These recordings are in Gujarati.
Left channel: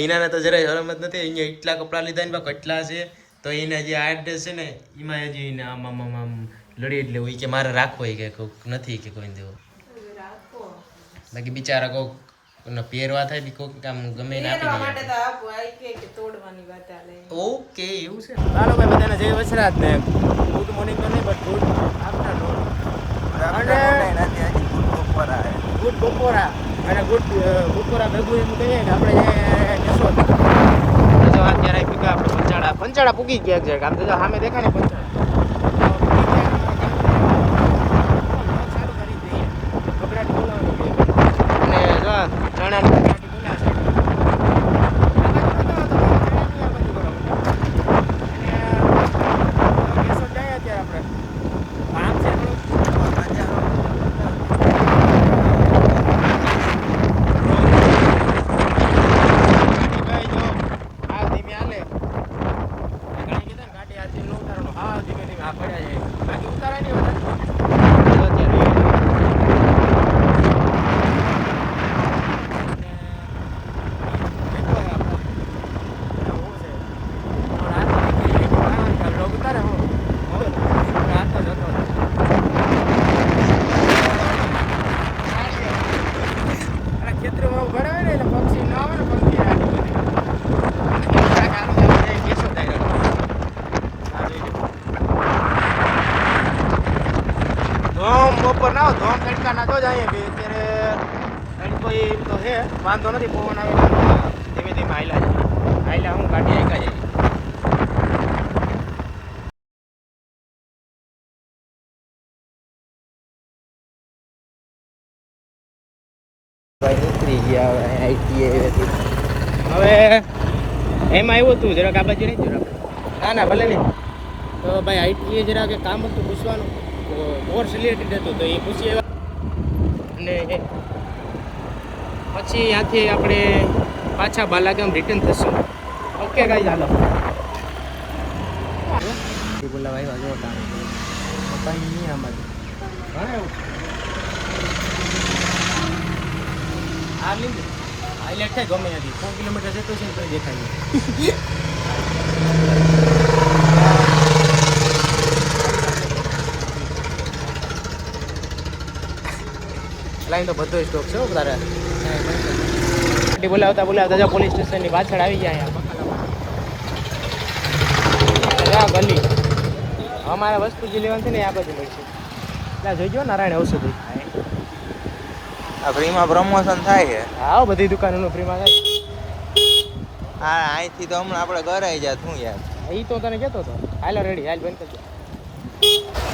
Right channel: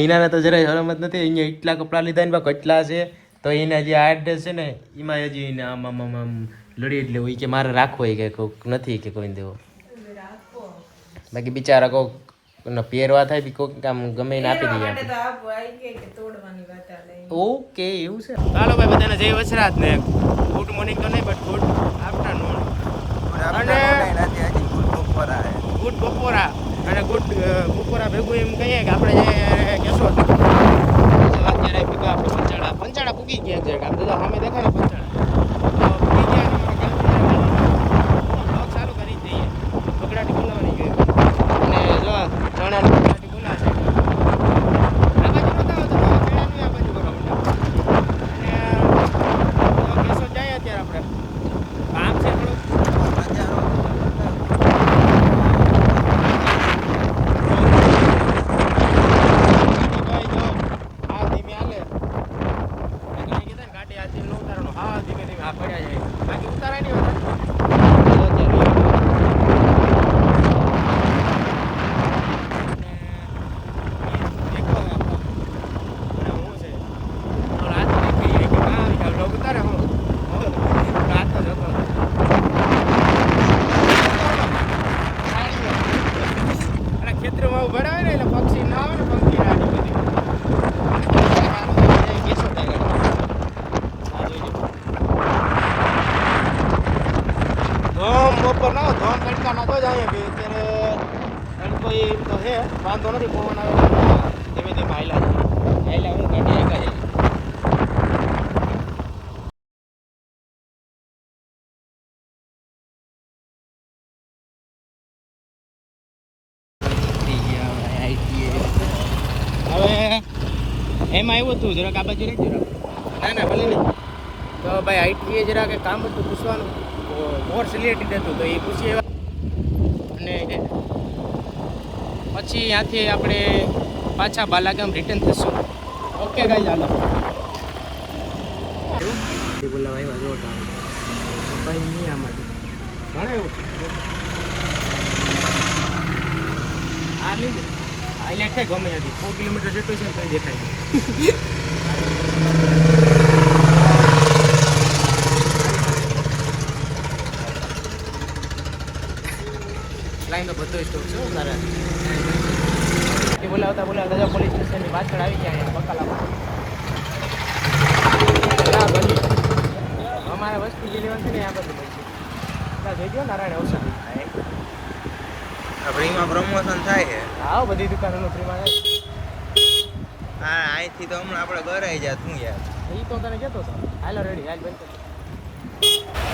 હિનાને તો જરાય શરમ જ નથી. અહીંયા એટલા કપડા લીધા ને કેટલા છે તો એના જે આ ડ્રેસ છે ને એમાં હજી એને આમ આમ આમ આમ લડી એટલે હોય કે મારે રાખવો કે કોઈક નથી કે કોઈ દેવો. બાકી બિચારા કોક પહેરવા થાય કોક આમ ગમે એને આપી દઈએ. ઓકે એવું છે. ચાલો ભાઈ બધાને જય વસરાજ ને ગુડ મોર્નિંગ તો નહીં બટ ગુડ આફ્ટરનૂન ગુડ બપોરા અને ગુડ બપોરા ભેગું એમ કહીએ કે આપણે જે કેશોદ અત્યારે ભેગા આપણે પંચાળા પૂગી ગયા છે. આમ તો સામે દેખાય ને પંચાળા તો પૂગી ગયા ને ચાલુ કરી દઈએ. બગડાટી બોલાવવાની જોઈએ અને જો ચણાની બગડાટી બોલાવે છે. આ બાજુ નતો આવતો ચણાની આ બાજુ કરો મંડ્યા અને કેશોદ જાય અત્યારે આપણે આમ છે થોડું બપોર ના ધોમ તડકા ના જો જાય અત્યારે કોઈ એમ તો છે વાંધો નથી. પવન આવે ધીમે ધીમે હાઈલા હું ગાડી આઈકા જાય. નીકળી ગયા હવે એમાં એવું હતું જરાક આ બાજુ નહીં જરાક ના ભલે નહીં તો ભાઈ આઈટીએ જરાક કામ હતું પૂછવાનું કોર્સ રિલેટેડ હતું તો એ પૂછી આવ્યા અને પછી ત્યાંથી આપણે પાછા બાલાગામ રિટર્ન થશું. ઓકે ગાઈઝ હાલો હાઈલાઇટ થાય ગમે નથી 4 કિલોમીટર જેટલું છે કંઈ દેખાય નહીં. લાઈન તો બધો સ્ટોપ છે તારે બોલાવતા જો પોલીસ સ્ટેશનની પાછળ આવી ગયા અહીંયા બકાલા ગલી અમારે વસ્તુ જે લેવાની છે ને આ બધું મળશે. ત્યાં જોઈ ગયો નારાયણ ઔષધિ આ ફ્રીમાં પ્રમોશન થાય છે. હા બધી દુકાનોનું ફ્રીમાં થાય. હા અહીંથી તો હમણાં આપણે ઘરે આવી જાય શું યાર એ તો તને કહેતો હતો. હાલો રેડી હાલ બંધ કરજો.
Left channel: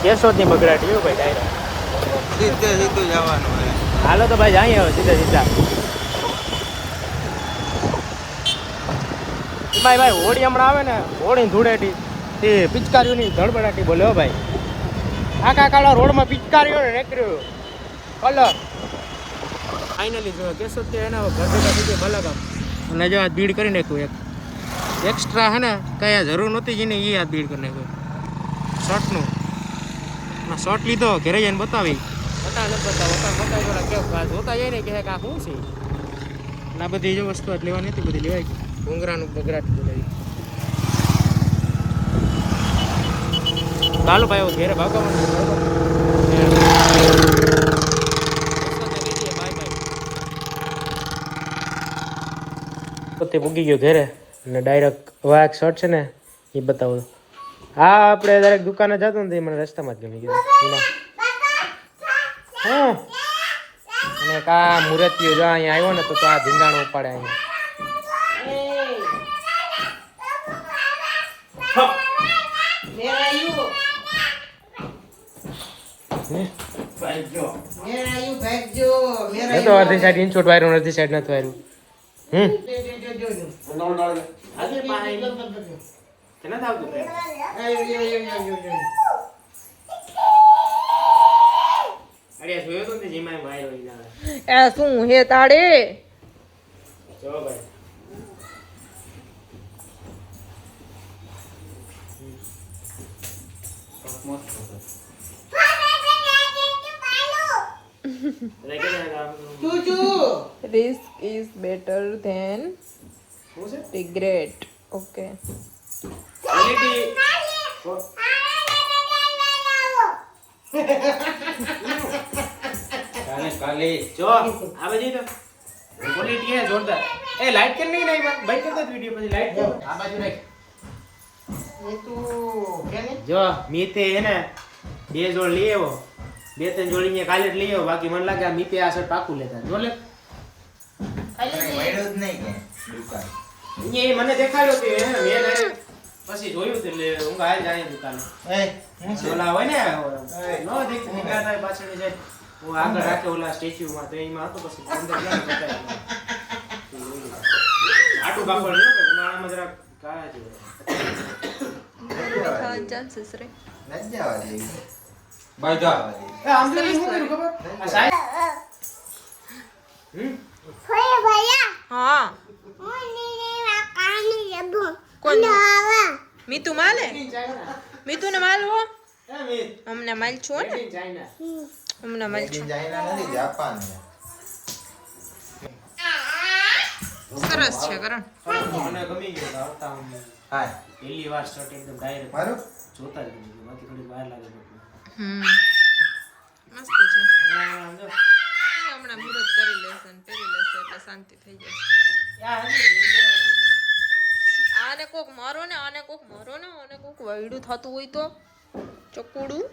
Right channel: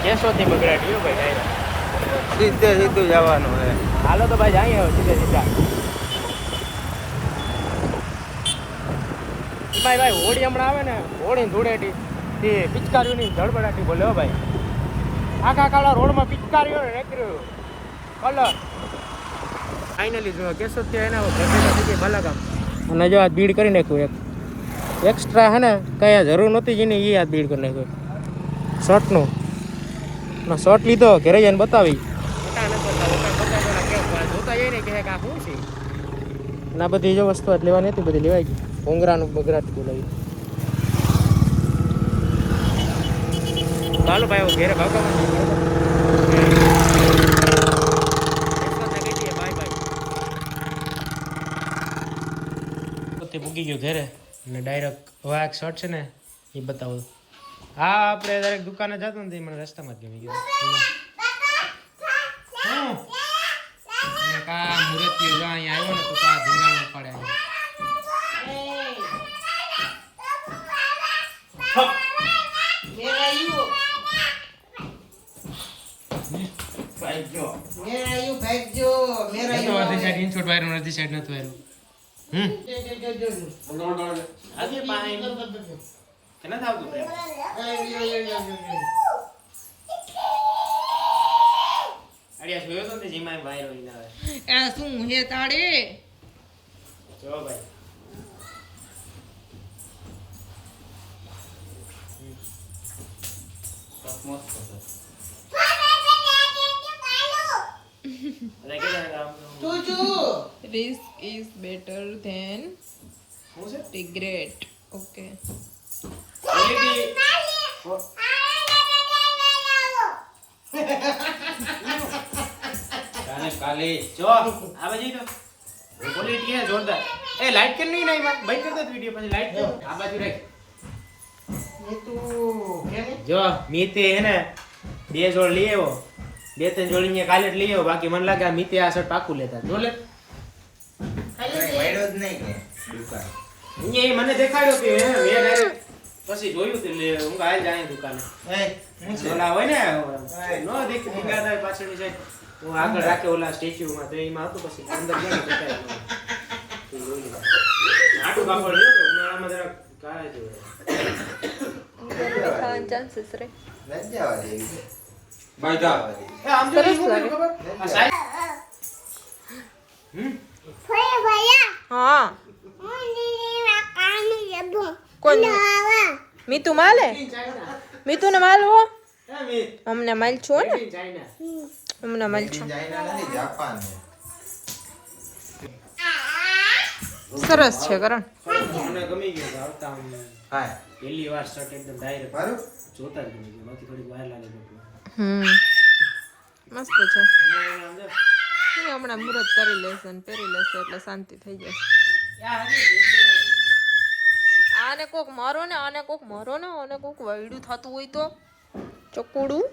કેશોદની બગડાટી એવું ભાઈ ડાયરેક્ટ સીધું જવાનું હે. હાલો તો ભાઈ જઈએ હવે સીધા ભાઈ હોળી હમણાં આવે ને હોળી ધૂળેટી તે પિચકારીઓની ધડબડાટી બોલે હો ભાઈ. આખા કાળા રોડમાં પિચકારીઓ ને નીકળ્યો કલર ફાઇનલી જો કેશોદ કે એના ઘર ભેગા થઈ જાય બાલાગામ અને જો આ બીડ કરી નાખ્યું એક એક્સ્ટ્રા હે ને કઈ જરૂર નહોતી જેને એ આ બીડ કરી નાખ્યું શોર્ટનું ના શોર્ટ લીધો ઘરે જઈને બતાવી નથી બતાવી તો ના કેમ જોતા જઈને કે આ શું છે ના બધી જો વસ્તુ લેવાની હતી બધી લેવાઈ ગઈ. ભોંગરાનું બગડાટી બોલાવી ચાલુ ભાઈ ઘેરે ભાગવાનું પોતે મૂકી ગયો ઘેરે અને ડાયરેક્ટ વાઘ શર્ટ છે ને એ બતાવો. હા આપણે દરેક દુકાને જતો ને મને રસ્તામાં જ ગમી ગયું. હા અને કા મૂર્તિઓ જો અહીંયા આવ્યો ને તો આ ધીંગાણું ઉપાડે અહીંયા. તો અડધી સાઈડ ઇન્ચોટ વાયરું અડધી સાઈડ નથી વાયરું. શું હે તાડે Risk is better than શું છે રિગ્રેટ. ઓકે. કાલે જો આવે જઈ તો ક્વોલિટી હે જોરદાર. એ લાઈટ કેમ નહીં નાઈ ભાઈ કર દે વિડિયો પછી લાઈટ જો આ બાજુ રાખ. એ તું કે ને જો મીતે હે ને બે જોડ લઈ આવ્યો. બે ત્રણ જોડી ને કાલે જ લઈ આવ્યો. બાકી મને લાગે આ મીતે આ શર્ટ પાકું લેતા જો લે. વાયડો જ નહીં કે દુકાન એ મને દેખાડ્યો કે હે મેં ડાયરેક્ટ પછી જોયું તે લે હું ગાય જાણી દુકાને. હું છે ઓલા હોય ને નો દેખ દીગાના પાછળની સાઈડ હું આગળ રાખે ઓલા સ્ટેચ્યુ માં તો એમાં હતું પછી અંદર જઈને બતાવ્યું. આટું કાપડ લ્યો કે ઉનાળામાં જરા કાળા જેવું. ગરમી ખાવાના ચાન્સીસ રે. લજ્જાવા જેવી છે. ભાઈ જા આમ તો સરસ શું લાગે. ખબર આ સાઈડ હા કોણ મીતુ માલે મીતુ ને માલવો અમને માલ છો ને અમને માલ છો. ચાઇના નથી જાપાન છે. સરસ છે કરણ. મને ગમી ગયો તો આવતા હું હા પહેલી વાર શર્ટ એકદમ ડાયરેક્ટ મારું જોતા જ ગમી ગયો. બાકી થોડી વાર લાગે તો મસ્ત છે. આમ જો હમણાં મુહૂર્ત કરી લેશે ને પહેરી લેશે એટલે શાંતિ થઈ જશે. યા હજી આને કોક મારો ને આને કોક મારો ને આને કોક વૈડું થતું હોય તો ચકુડું